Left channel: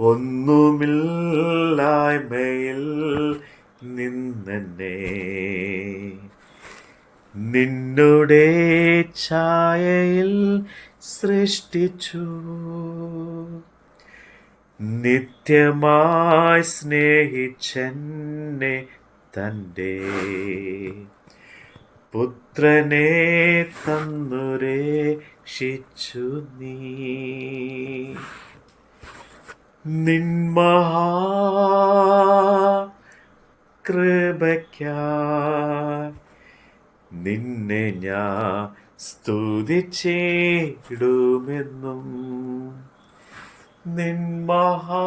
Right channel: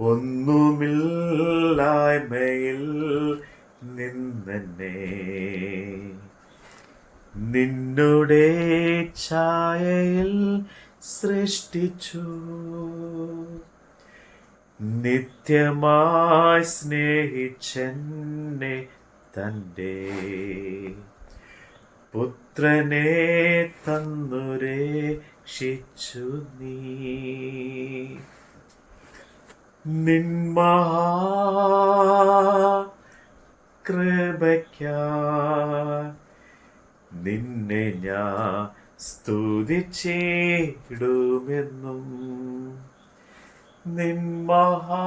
ഒന്നുമില്ലായ്മയിൽ നിന്നെ നിന്നുടെ ഛായയിൽ സൃഷ്ടിച്ചു. നിത്യമായി സ്നേഹിച്ചെന്നെ തന്റെ. പുത്രനെ തന്നുരേക്ഷിച്ചു നീ. നിന്മഹാ നിന്നെ ഞാൻ സ്തുതിച്ചിടുമെന്നും നിന്മഹാ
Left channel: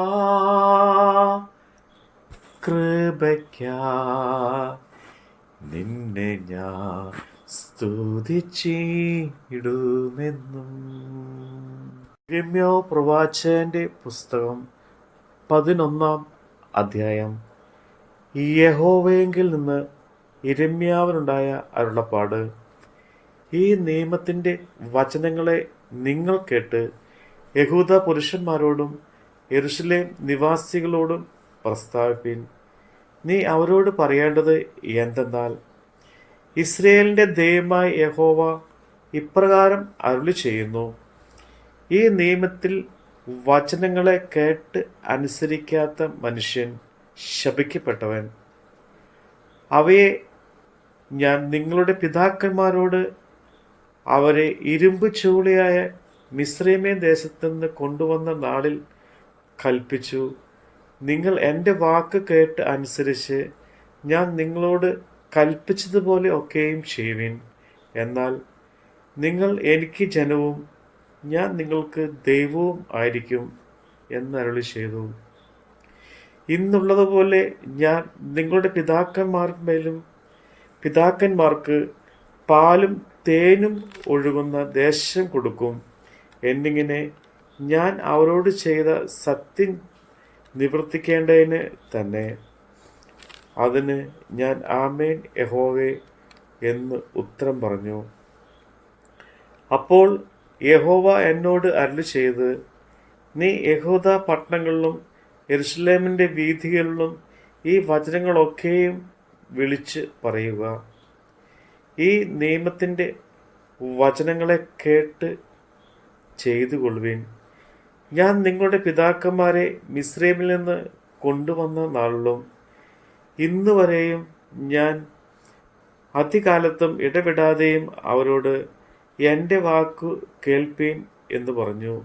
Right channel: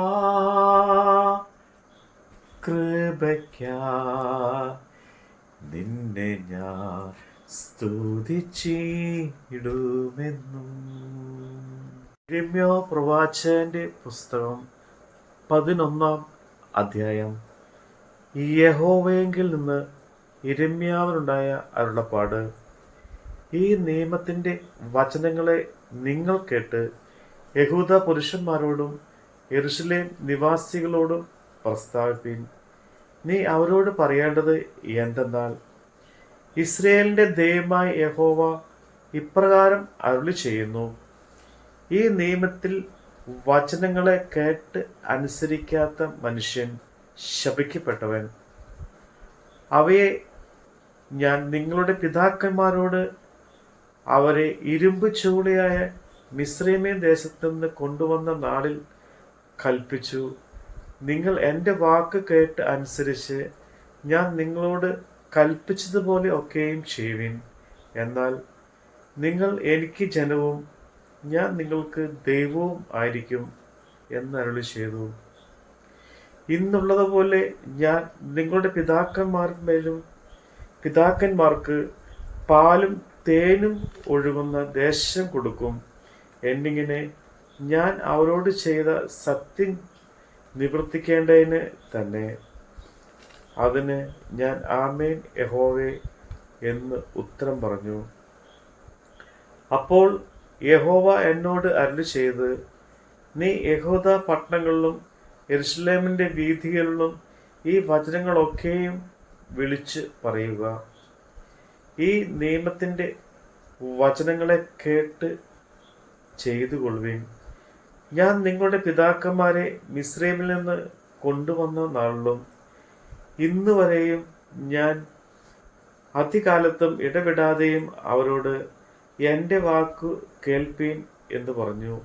നിന്നെ ഞാൻ സ്തുതിച്ചിടുമെന്നും രമ്യോ പ്രവാചകന്റെ പുസ്തകം പതിനൊന്നാം അധ്യായം. യഹോവയെങ്കിൽ നിന്ന് ഇരമ്യാവിനുണ്ടായ അരുളപ്പാട്. ഈ നിയമത്തിന്റെ വചനങ്ങളെ നിങ്ങൾ കേട്ട് യഹൂദ പുരുഷന്മാരോടും എറുഷലേം നിവാസികളോടും പ്രസ്താവിപ്പിൻ. നീ അവരോട് പറയേണ്ടത് എന്തെന്നാൽ ഇസ്രയേലിന്റെ ദൈവമായ യഹോവ ഇപ്രകാരം അരുളി ചെയ്യുന്നു ഈ നിയമത്തിൽ വചനങ്ങളെ കേട്ട് അനുസരിക്കാത്ത മനുഷ്യൻ ശപിക്കപ്പെട്ടവൻ. അവയെ ഞാൻ നിങ്ങളുടെ പിതാക്കന്മാരോട് അവരെ ഇരുമ്പ് ചൂളയായ മിശ്രമേ ദേശത്തു നിന്ന് കൊണ്ടുവന്ന നാളിൽ കൽപ്പിച്ചു. നിങ്ങൾ എന്റെ വാക്ക് കേട്ട് അനുസരിച്ച് ഞാൻ നിങ്ങളോട് കൽപ്പിച്ചതുപോലെ ഒക്കെയും ചെയ്യുവിൻ. എന്നാൽ നിങ്ങൾ എനിക്ക് ജനവും ഞാൻ നിങ്ങൾക്ക് ദൈവവും ആയിരിക്കും എന്നരുളി ചെയ്തു ഇന്നുള്ളതുപോലെ ഞാൻ നിങ്ങളുടെ പിതാക്കന്മാർമേലും പിതാക്കന്മാർക്ക് പാലും തേനും ഒഴുകുന്ന ദേശം കൊടുക്കും. എന്നിങ്ങനെ ഞാൻ അവരോട് ചെയ്ത സത്യം നിവർത്തിക്കേണ്ടതിന് തന്നെ. അതിന് ഞാൻ ആമേൻ യഹോവേ എന്ന് ഉത്തരം പറഞ്ഞു. അപ്പോൾ യഹോവ എന്നോട് അരുളി ചെയ്ത് നീ യഹൂദ പട്ടണങ്ങളിലും എരുസലേമിന്റെ വീഥികളിലും ഈ വചനങ്ങളൊക്കെയും വിളിച്ച് പറയുക. ഈ നിയമത്തിന്റെ വചനങ്ങളെ കേട്ട് ചെയ്തു കൊള്ളുവിൻ ഞാൻ നിങ്ങളുടെ പിതാക്കന്മാരെ മിശ്രൈമിൽ നിന്ന് കൊണ്ടുവന്ന നാളിലും ഇന്ന് വരെയും ഞാൻ അതികാലത്തും ഇടപെടാതെയും അവരോട് എന്റെ വാക്കു കേൾപ്പീൻ എന്ന് പറഞ്ഞു.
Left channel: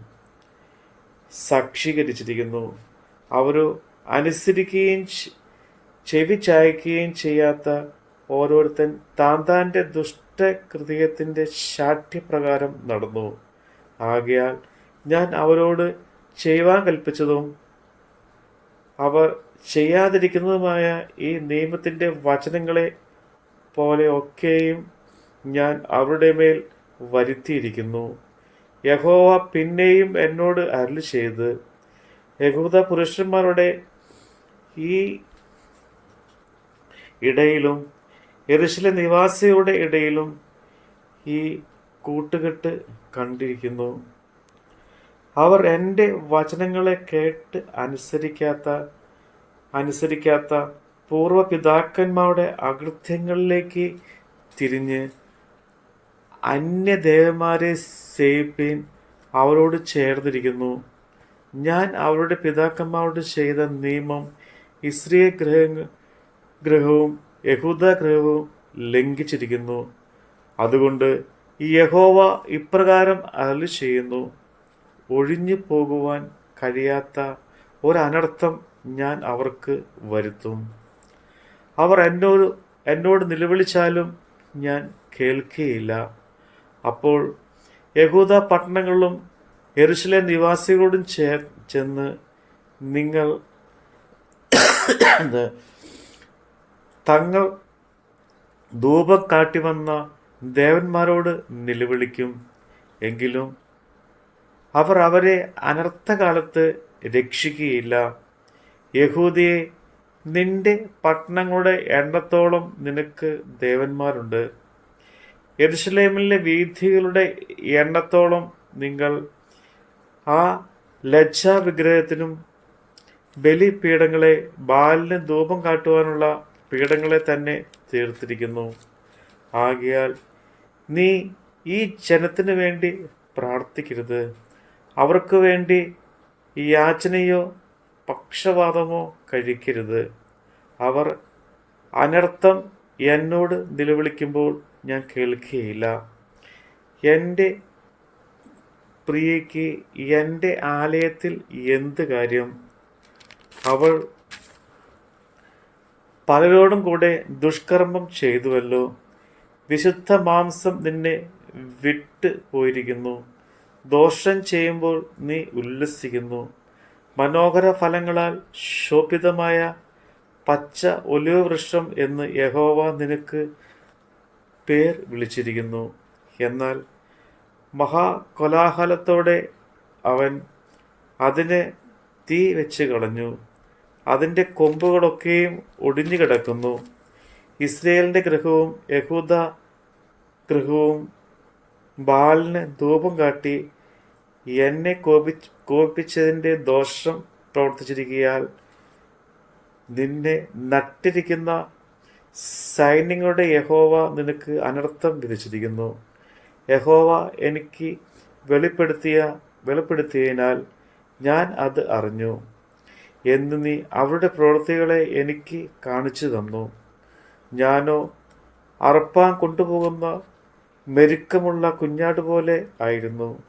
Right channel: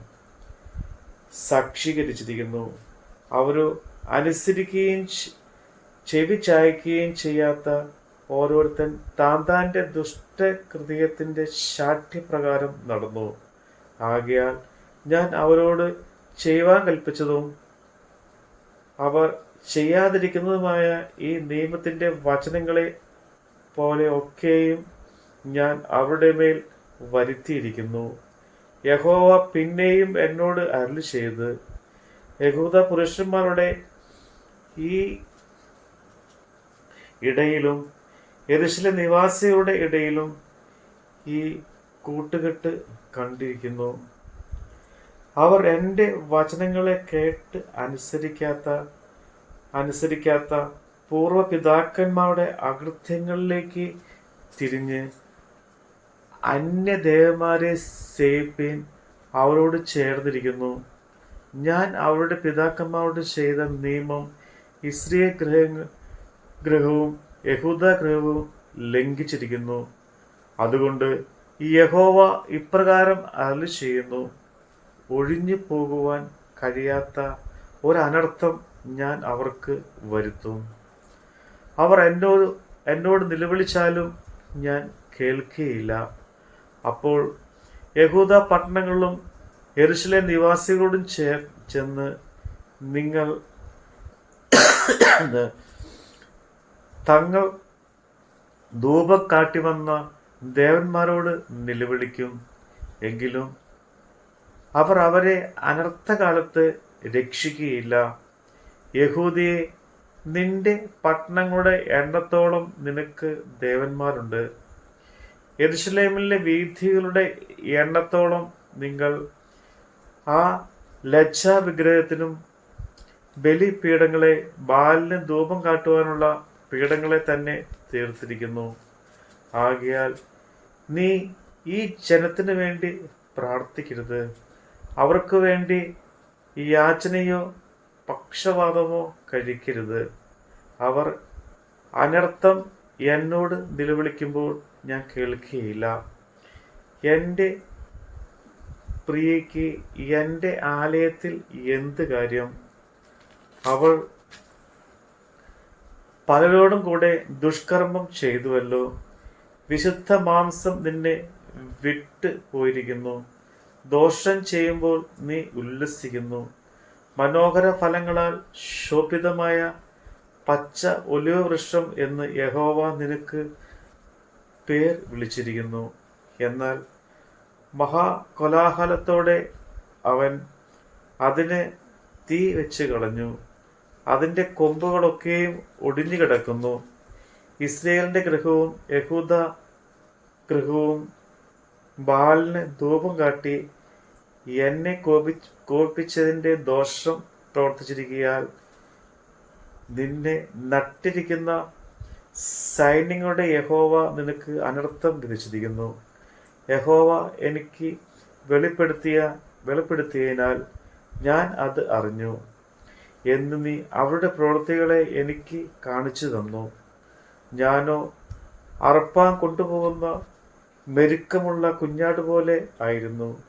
സാക്ഷീകരിച്ചിരിക്കുന്നു. അവരോ അനുസരിക്കുകയും ചെവി ചായ്ക്കുകയും ചെയ്യാത്ത ഓരോരുത്തൻ താൻ താന്റെ ദുഷ്ടകൃതിയത്തിന്റെ ശാഠ്യപ്രകാരം നടന്നു. ആകയാൽ ഞാൻ അവരോട് ചെയ്യുവാൻ കൽപ്പിച്ചതും അവർ ചെയ്യാതിരിക്കുന്നതുമായ ഈ നിയമത്തിന്റെ വചനങ്ങളെ പോലെ ഒക്കെയും ഞാൻ അവരുടെ മേൽ വരുത്തിയിരിക്കുന്നു. യഹോവ പിന്നെയും എന്നോട് അരുളി ചെയ്ത് യഹൂദ പുരുഷന്മാരുടെ ഈ ഇടയിലും യെരുശലേം നിവാസിയുടെ ഇടയിലും ഈ കൂട്ടുകെട്ട് കണ്ടിരിക്കുന്നു. അവർ എന്റെ വചനങ്ങളെ കേട്ട് അനുസരിക്കാത്ത അനുസരിക്കാത്ത പൂർവപിതാക്കന്മാരുടെ അകൃത്യങ്ങളിലേക്ക് തിരിഞ്ഞ് അന്യദേവന്മാരെ സേവിപ്പീൻ അവരോട് ചേർന്നിരിക്കുന്നു. ഞാൻ അവരുടെ പിതാക്കന്മാരോട് ചെയ്ത നിയമം ഇസ്രിയ ഗ്രഹ ഗ്രഹവും യഹൂദ ഗ്രഹവും ലംഘിച്ചിരിക്കുന്നു. അതുകൊണ്ട് ഈ യഹോവ ഇപ്രകാരം അരളി ചെയ്യുന്നു ഒഴിഞ്ഞു പോകുവാൻ കഴിയാത്ത ഒരനർത്ഥം ഞാൻ അവർക്ക് വരുത്തും. അവർ എന്നോട് എന്നോട് നിലവിളിച്ചാലും ഞാൻ കേൾക്കുകയില്ല അപ്പോൾ യഹൂദ പട്ടണങ്ങളിലും യെരുശലേം നിവാസികളോടും ചേ ചെന്ന് നിങ്ങൾ തങ്ങൾ ധൂപം കാട്ടിവന്ന ദേവന്മാരോട് നിലവിളിക്കും. എങ്കിലും അവർ അവരെ അനർത്ഥകാലത്ത് രക്ഷിക്കുകയില്ല. യഹൂദിയെ നിന്റെ പട്ടണങ്ങളുടെ എണ്ണത്തോളം നിനക്ക് ദേവന്മാരുണ്ട്. യെരുശലേമിലെ വീഥികളുടെ എണ്ണത്തോളം നിങ്ങൾ ആ ലജ്ജ വിഗ്രഹത്തിനും ബലിപീഠങ്ങളെ ബാലിന് ധൂപം കാട്ടുവാനുള്ള പീഠങ്ങളെ തന്നെ തീർത്തിരിക്കുന്നു. ആകയാൽ നീ ഈ ജനത്തിനു വേണ്ടി പ്രാർത്ഥിക്കരുത്. അവർക്ക് വേണ്ടി യാചനയോ പക്ഷപാതമോ കഴിക്കരുത്. അവർ അനർത്ഥം എന്നോട് നിലവിളിക്കുമ്പോൾ ഞാൻ കേൾക്കുകയില്ല. എന്റെ പ്രിയയ്ക്ക് എന്റെ ആലയത്തിൽ എന്ത് കാര്യം? അവൾ പലരോടും കൂടെ ദുഷ്കർമ്മം ചെയ്തുവല്ലോ. വിശുദ്ധ മാംസം നിന്നെ വിട്ട് പോയിരിക്കുന്നു. ദോഷം ചെയ്യുമ്പോൾ നീ ഉല്ലസിക്കുന്നു. മനോഹര ഫലങ്ങളാൽ ശോഭിതമായ പച്ച ഒലിവ് വൃക്ഷം എന്ന് യഹോവ നിനക്ക് പേർ വിളിച്ചിരിക്കുന്നു. എന്നാൽ മഹാകൊലാഹലത്തോടെ അവൻ അതിനെ തീ വെച്ച് കളഞ്ഞു. അതിന്റെ കൊമ്പുകളൊക്കെയും ഒടിഞ്ഞു കിടക്കുന്നു. ഇസ്രയേലിന്റെ ഗൃഹവും യഹൂദ ഗൃഹവും ബാലിന് ധൂപം കാട്ടി എന്നെ കോപി കോപിപ്പിച്ചതിന്റെ ദോഷം പ്രവർത്തിച്ചിരിക്കയാൽ നിന്നെ നട്ടിരിക്കുന്ന സൈന്യങ്ങളുടെ യഹോവ നിനക്ക് അനർത്ഥം വിധിച്ചിരിക്കുന്നു. യഹോവ എനിക്ക് വെളിപ്പെടുത്തിയ വെളിപ്പെടുത്തിയതിനാൽ ഞാൻ അത് അറിഞ്ഞു. എന്ന് നീ അവരുടെ പ്രവൃത്തികളെ എനിക്ക് കാണിച്ചു തന്നു. ഞാനോ അറപ്പാൻ കൊണ്ടുപോകുന്ന മെരുക്കമുള്ള കുഞ്ഞാട് പോലെ ആയിരുന്നു.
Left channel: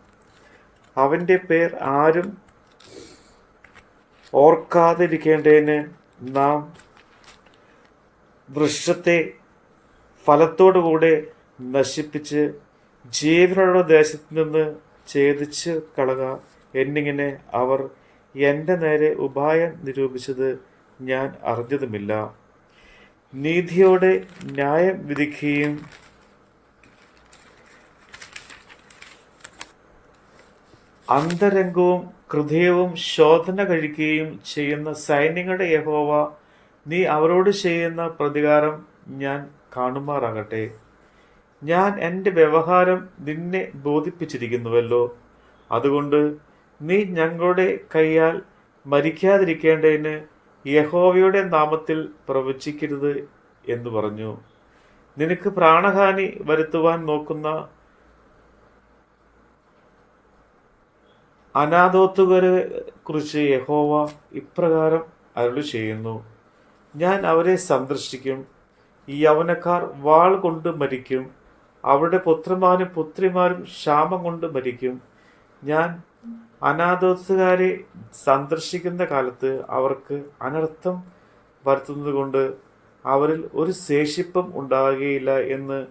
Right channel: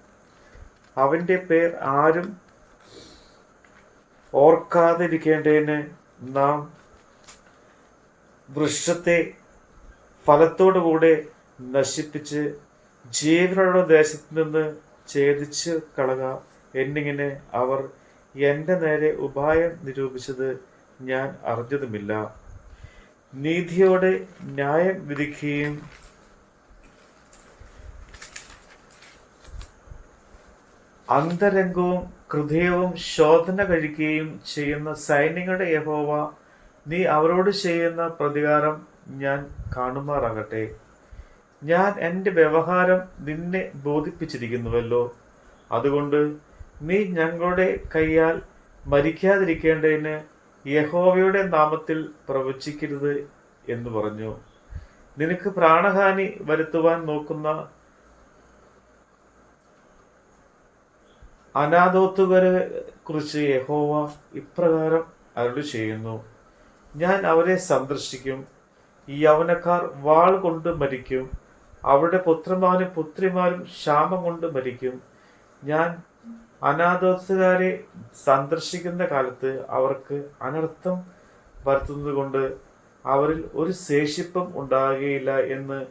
അവന്റെ പേർ ആരും ഓർക്കാതിരിക്കേണ്ടതിന് നാം വൃക്ഷത്തെ ഫലത്തോടുകൂടെ നശിപ്പിച്ച് ജീവനുള്ള ദേശത്ത് നിന്ന് ഛേദിച്ച് കളക എന്നിങ്ങനെ അവർ എന്റെ നേരെ ഉപായം നിരൂപിച്ചത് ഞാൻ അറിഞ്ഞതുമില്ല. നീതിയോടെ ന്യായം വിധിക്കുകയും അന്തരംഗവും ഹൃദയവും ശോധന കഴിക്കുകയും ചെയ്യുന്ന സൈന്യങ്ങളുടെ യഹോവ നീ അവരോട് ചെയ്യുന്ന പ്രതികാരം ഞാൻ കാണുമാറാകട്ടെ. ഞാൻ എന്റെ വ്യവഹാരം നിന്നെ ബോധിപ്പിച്ചിരിക്കുന്നുവല്ലോ. അതുകൊണ്ട് നീ ഞങ്ങളുടെ കൈയാൽ മരിക്കാതിരിക്കേണ്ടതിന് യഹോവയുടെ നാമത്തിൽ പ്രവചിക്കരുത് എന്ന് പറഞ്ഞു. നിനക്ക് പ്രാണഹാനി വരുത്തുവാൻ നോക്കുന്ന അനാഥോത്തുകരെ കുറിച്ച് യഹോവ ഇപ്രകാരം അരുളി ചെയ്യുന്നു ഞാൻ അവരെ സന്ദർശിക്കും ഈ യൗവനക്കാർ വാൾ കൊണ്ട് മരിക്കും. അവരുടെ പുത്രന്മാരും പുത്രിമാരും ക്ഷാമം കൊണ്ട് മരിക്കും. ഞാൻ അനാഥോസുകാരെ സന്ദർശിക്കുന്ന കാലത്ത് അവർക്ക് അനർത്ഥം വരുത്തുന്നത് കൊണ്ട് അവരിൽ ഒരു ശേഷിപ്പും ഉണ്ടാകുകയില്ല എന്ന്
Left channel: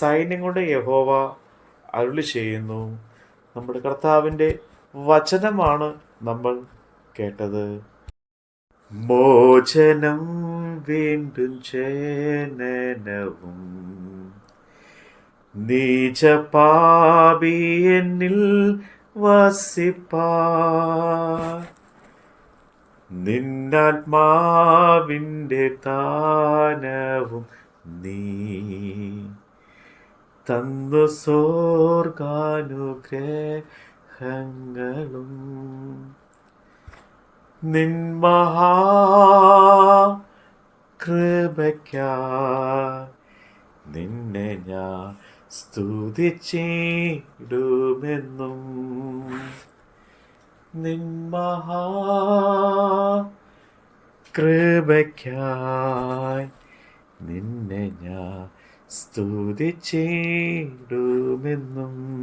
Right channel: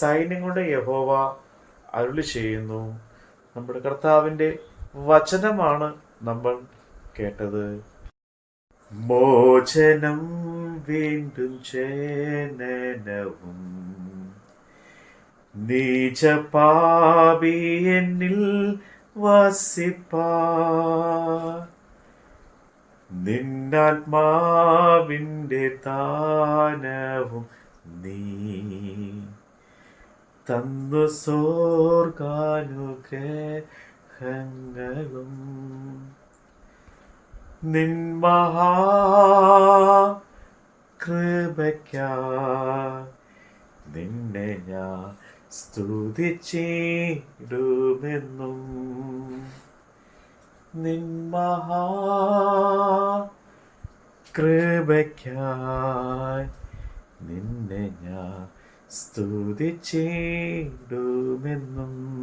സൈന്യങ്ങളുടെ യഹോവ അരുളി ചെയ്യുന്നു. നമ്മുടെ കർത്താവിന്റെ വചനമാണ് നമ്മൾ കേട്ടത്. മോചനം വീണ്ടും ചേനനവും. നീച പാപി എന്നിൽ വസിപ്പാ നിന്നാത്മാവിന്റെ താനവും നീ തന്നു സ്വർഗാനുഗ്രഹങ്ങളും. നിന്മഹാ കൃപയ്ക്ക. നിന്നെ ഞാൻ സ്തുതിച്ചിടുമെന്നും. നിന്മഹാ കൃപയ്ക്കായി നിന്നെ ഞാൻ സ്തുതിച്ചിടുമെന്നും.